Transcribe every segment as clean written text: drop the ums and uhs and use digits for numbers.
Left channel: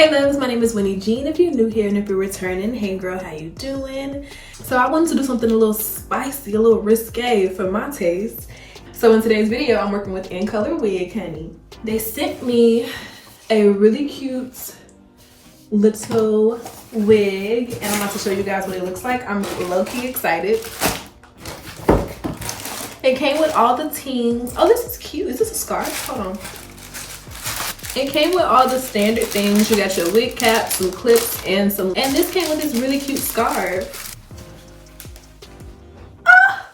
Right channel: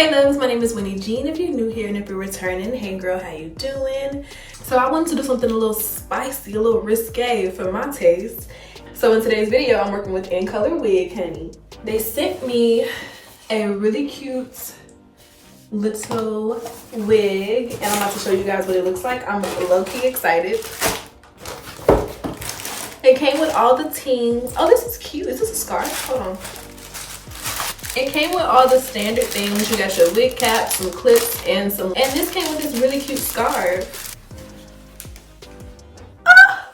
Hey loves, my name is Winnie Jean. If you're new here and if you're returning, hey girl, how you doing? So I wanted to do something a little spicy, a little risque for my taste. So in today's video, I'm working with Incolorwig, honey. They sent me a really cute little wig and I'm about to show you guys what it looks like. I'm low-key excited. It came with all the tings. Oh, this is cute. Is this a scarf? Hold on. It came with all the standard things. You got your wig cap, some clips, and this came with this really cute scarf. Ah!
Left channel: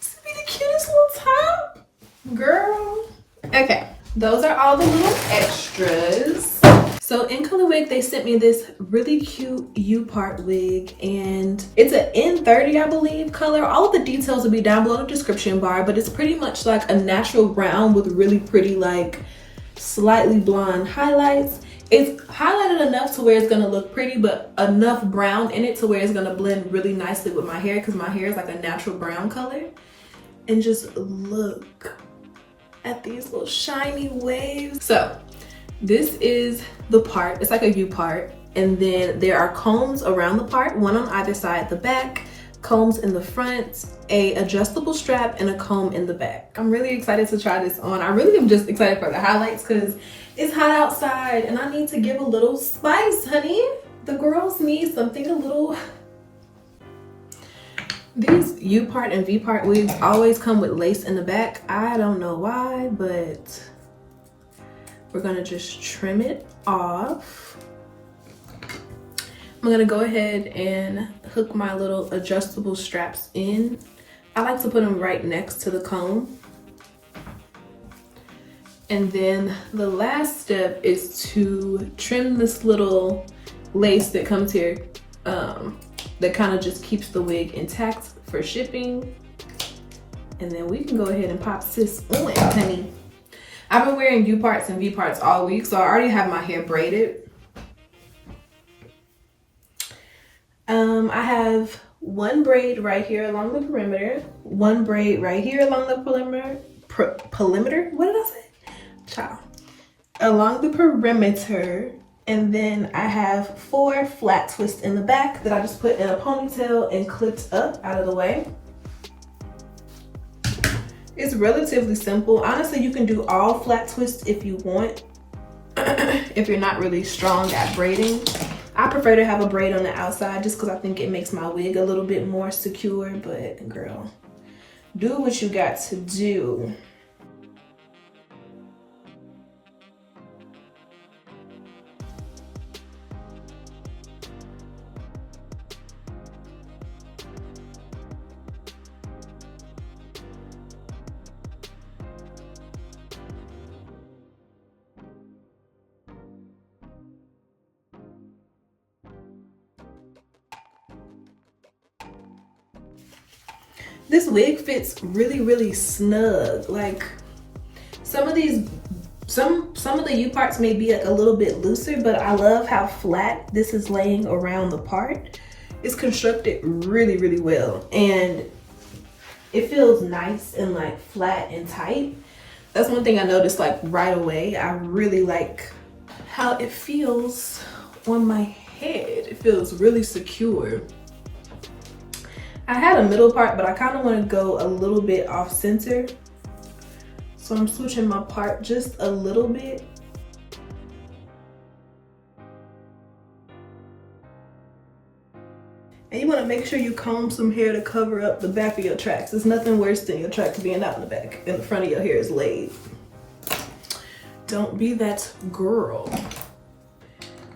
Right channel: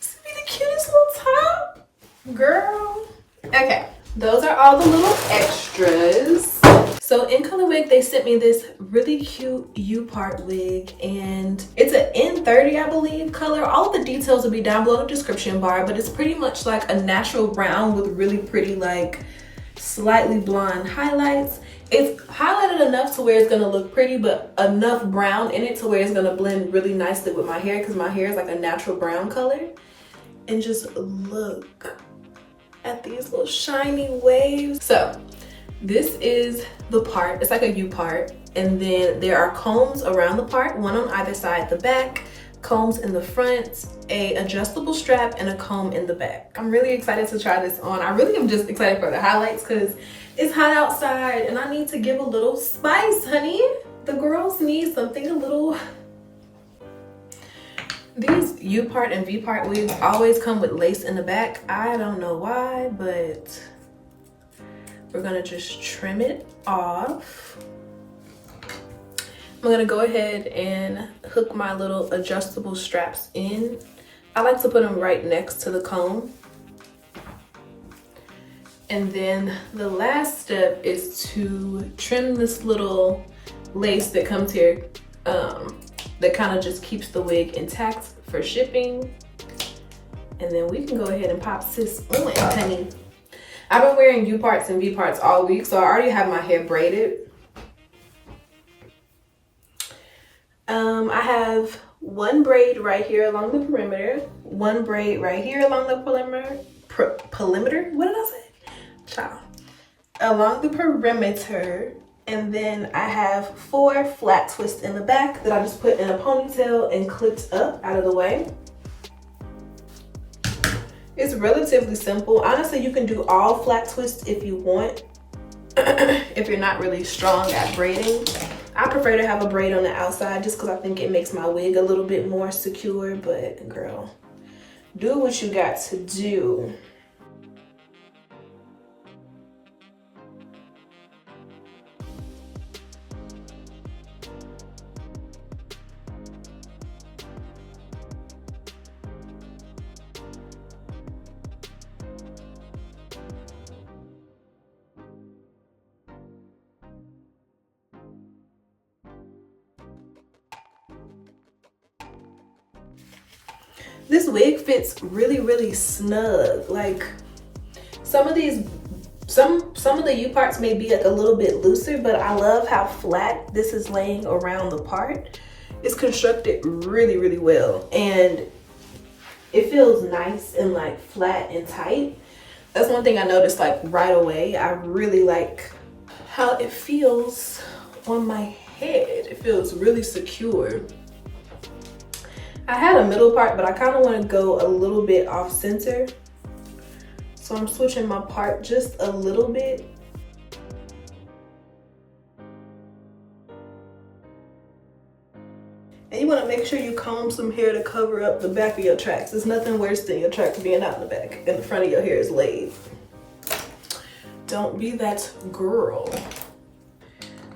This would be the cutest little top, girl. Okay, those are all the little extras. So in Incolorwig, they sent me this really cute U-part wig, and it's an N30, I believe, color. All of the details will be down below the description bar, but it's pretty much like a natural brown with really pretty, like, slightly blonde highlights. It's highlighted enough to where it's gonna look pretty, but enough brown in it to where it's gonna blend really nicely with my hair, because my hair is like a natural brown color. And just look at these little shiny waves. So this is the part. It's like a U part, and then there are combs around the part, one on either side, the back, combs in the front, a adjustable strap, and a comb in the back. I'm really excited to try this on. I really am just excited for the highlights because it's hot outside and I need to give a little spice, honey. The girls need something a little. These U-part and V-part wigs always come with lace in the back. I don't know why, but we're gonna just trim it off. I'm gonna go ahead and hook my little adjustable straps in. I like to put them right next to the comb. And then the last step is to trim this little lace that comes here, that kind of just keeps the wig intact for shipping. And then we can go ahead and pop sis on, honey. I've been wearing U-parts and V-parts all week, so I already have my hair braided. I have one braid right here along the perimeter, one braid right here along the perimeter, what did I say? Child. Along the perimeter, and then I have 4 flat twists in the back that I just put in a ponytail and clipped up out of the way. It's relatively simple. Honestly, you can do all flat twists if you want, if you're not really strong at braiding. I prefer to have a braid on the outside just because I think it makes my wig a little bit more secure, but girl, do what you got to do. This wig fits really snug. Like some of the U-parts may be a little bit looser, but I love how flat this is laying around the part. It's constructed really well, and it feels nice and like flat and tight. That's one thing I noticed like right away. I really like how it feels on my head. It feels really secure. I had a middle part, but I kind of want to go a little bit off center. So I'm switching my part just a little bit. And you want to make sure you comb some hair to cover up the back of your tracks. There's nothing worse than your tracks being out in the back and the front of your hair is laid. Don't be that girl.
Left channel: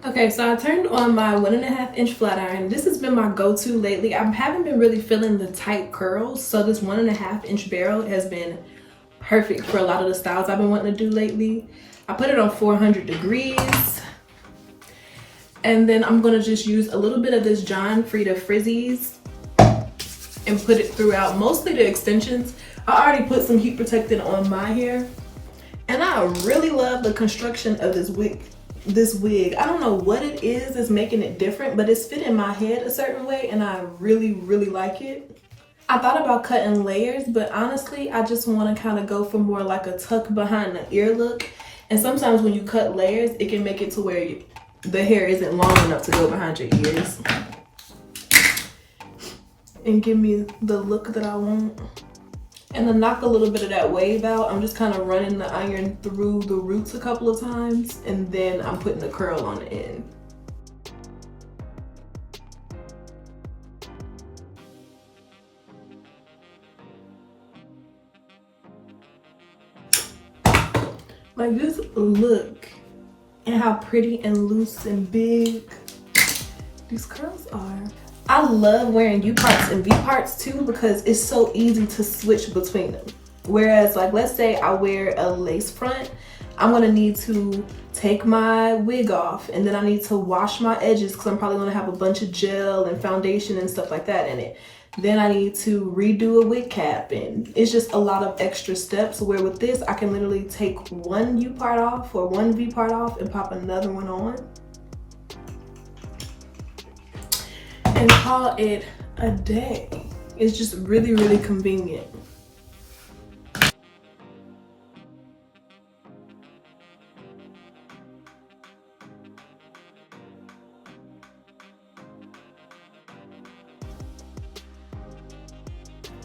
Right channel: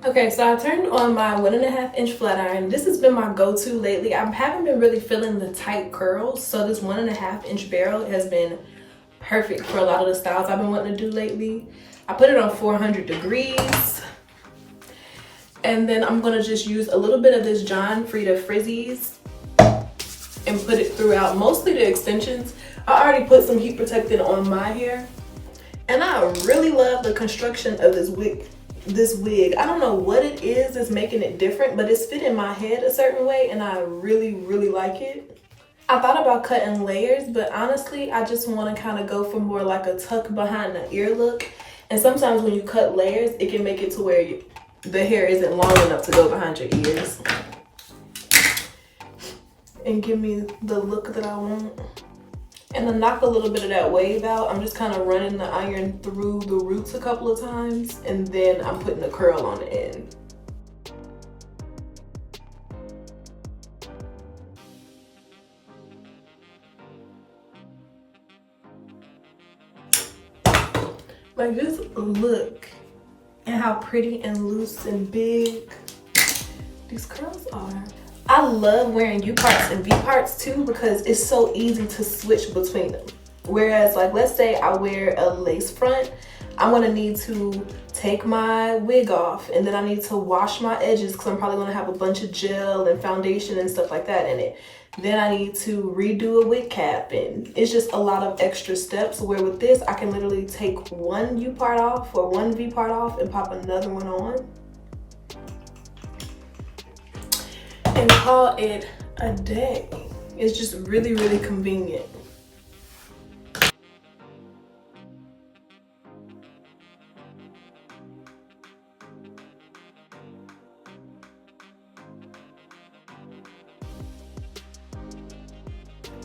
Okay, so I turned on my 1.5-inch flat iron. This has been my go-to lately. I haven't been really feeling the tight curls, so this 1.5-inch barrel has been perfect for a lot of the styles I've been wanting to do lately. I put it on 400 degrees. And then I'm gonna just use a little bit of this John Frieda Frizzies and put it throughout, mostly the extensions. I already put some heat protectant on my hair. And I really love the construction of this wig. I don't know what it is that's making it different, but it's fitting my head a certain way and I really like it. I thought about cutting layers, but honestly, I just want to kind of go for more like a tuck behind the ear look. And sometimes when you cut layers, it can make it to where the hair isn't long enough to go behind your ears and give me the look that I want. And to knock a little bit of that wave out, I'm just kind of running the iron through the roots a couple of times, and then I'm putting the curl on the end. Like this look and how pretty and loose and big these curls are. I love wearing U parts and V parts too because it's so easy to switch between them. Whereas like, let's say I wear a lace front, I'm gonna need to take my wig off and then I need to wash my edges because I'm probably gonna have a bunch of gel and foundation and stuff like that in it. Then I need to redo a wig cap, and it's just a lot of extra steps, where with this, I can literally take one U part off or one V part off and pop another one on and call it a day. It's just really, really convenient.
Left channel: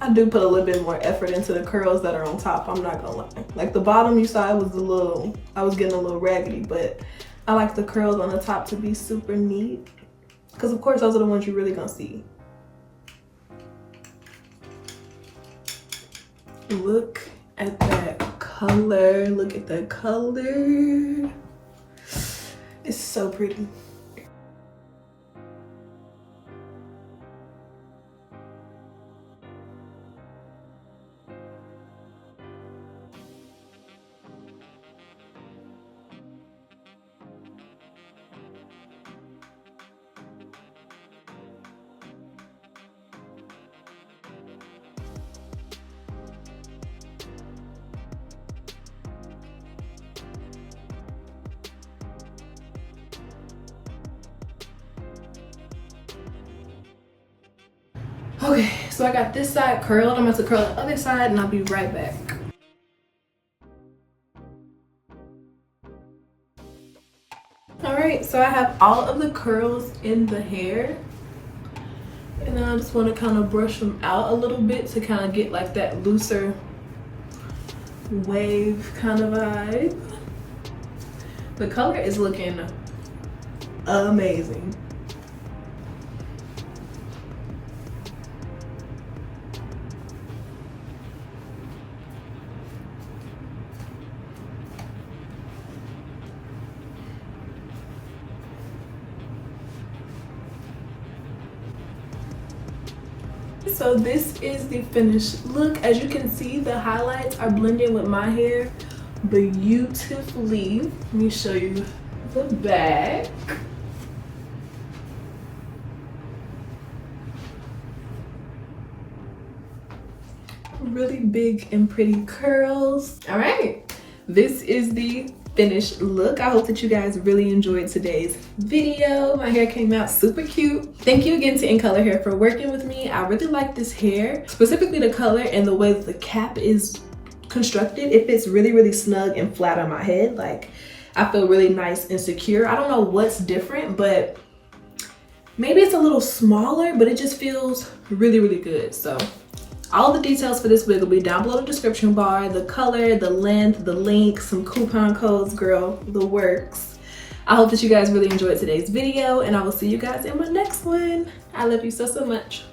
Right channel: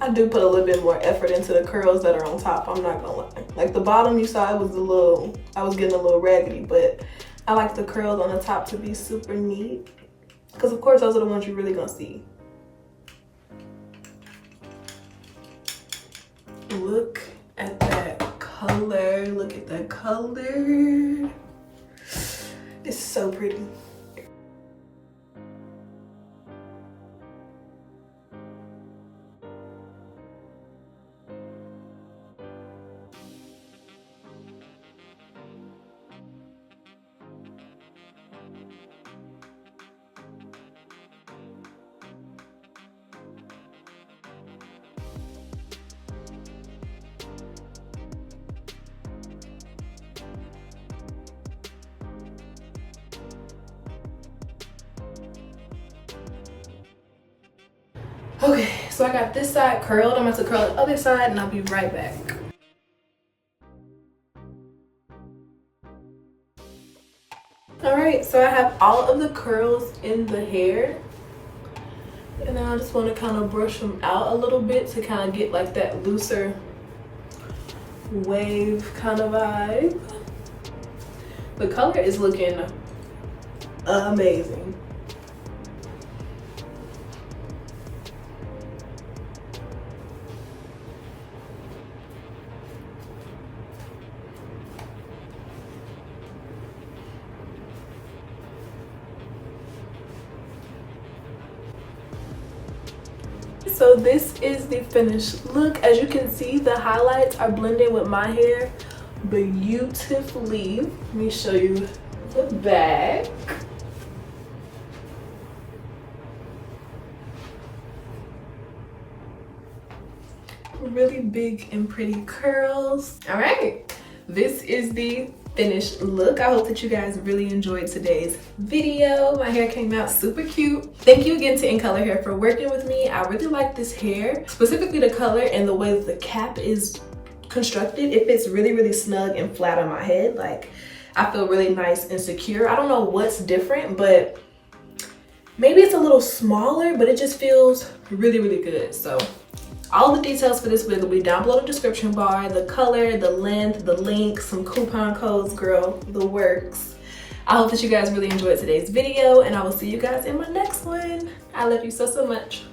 I do put a little bit more effort into the curls that are on top, I'm not gonna lie. Like the bottom you saw, I was getting a little raggedy, but I like the curls on the top to be super neat. Because of course those are the ones you're really gonna see. Look at that color, look at that color. It's so pretty. Okay, so I got this side curled. I'm about to curl the other side and I'll be right back. All right, so I have all of the curls in the hair. And then I just want to kind of brush them out a little bit to kind of get like that looser wave kind of vibe. The color is looking amazing. So this is the finished look. As you can see, the highlights are blending with my hair beautifully. Let me show you the back. Really big and pretty curls. All right, this is the finished look. I hope that you guys really enjoyed today's video. My hair came out super cute. Thank you again to Incolor Hair for working with me. I really like this hair, specifically the color and the way that the cap is constructed. It fits really, really snug and flat on my head. Like, I feel really nice and secure. I don't know what's different, but maybe it's a little smaller, but it just feels really, really good. So all the details for this wig will be down below in the description bar. The color, the length, the link, some coupon codes, girl, the works. I hope that you guys really enjoyed today's video, and I will see you guys in my next one. I love you so, so much.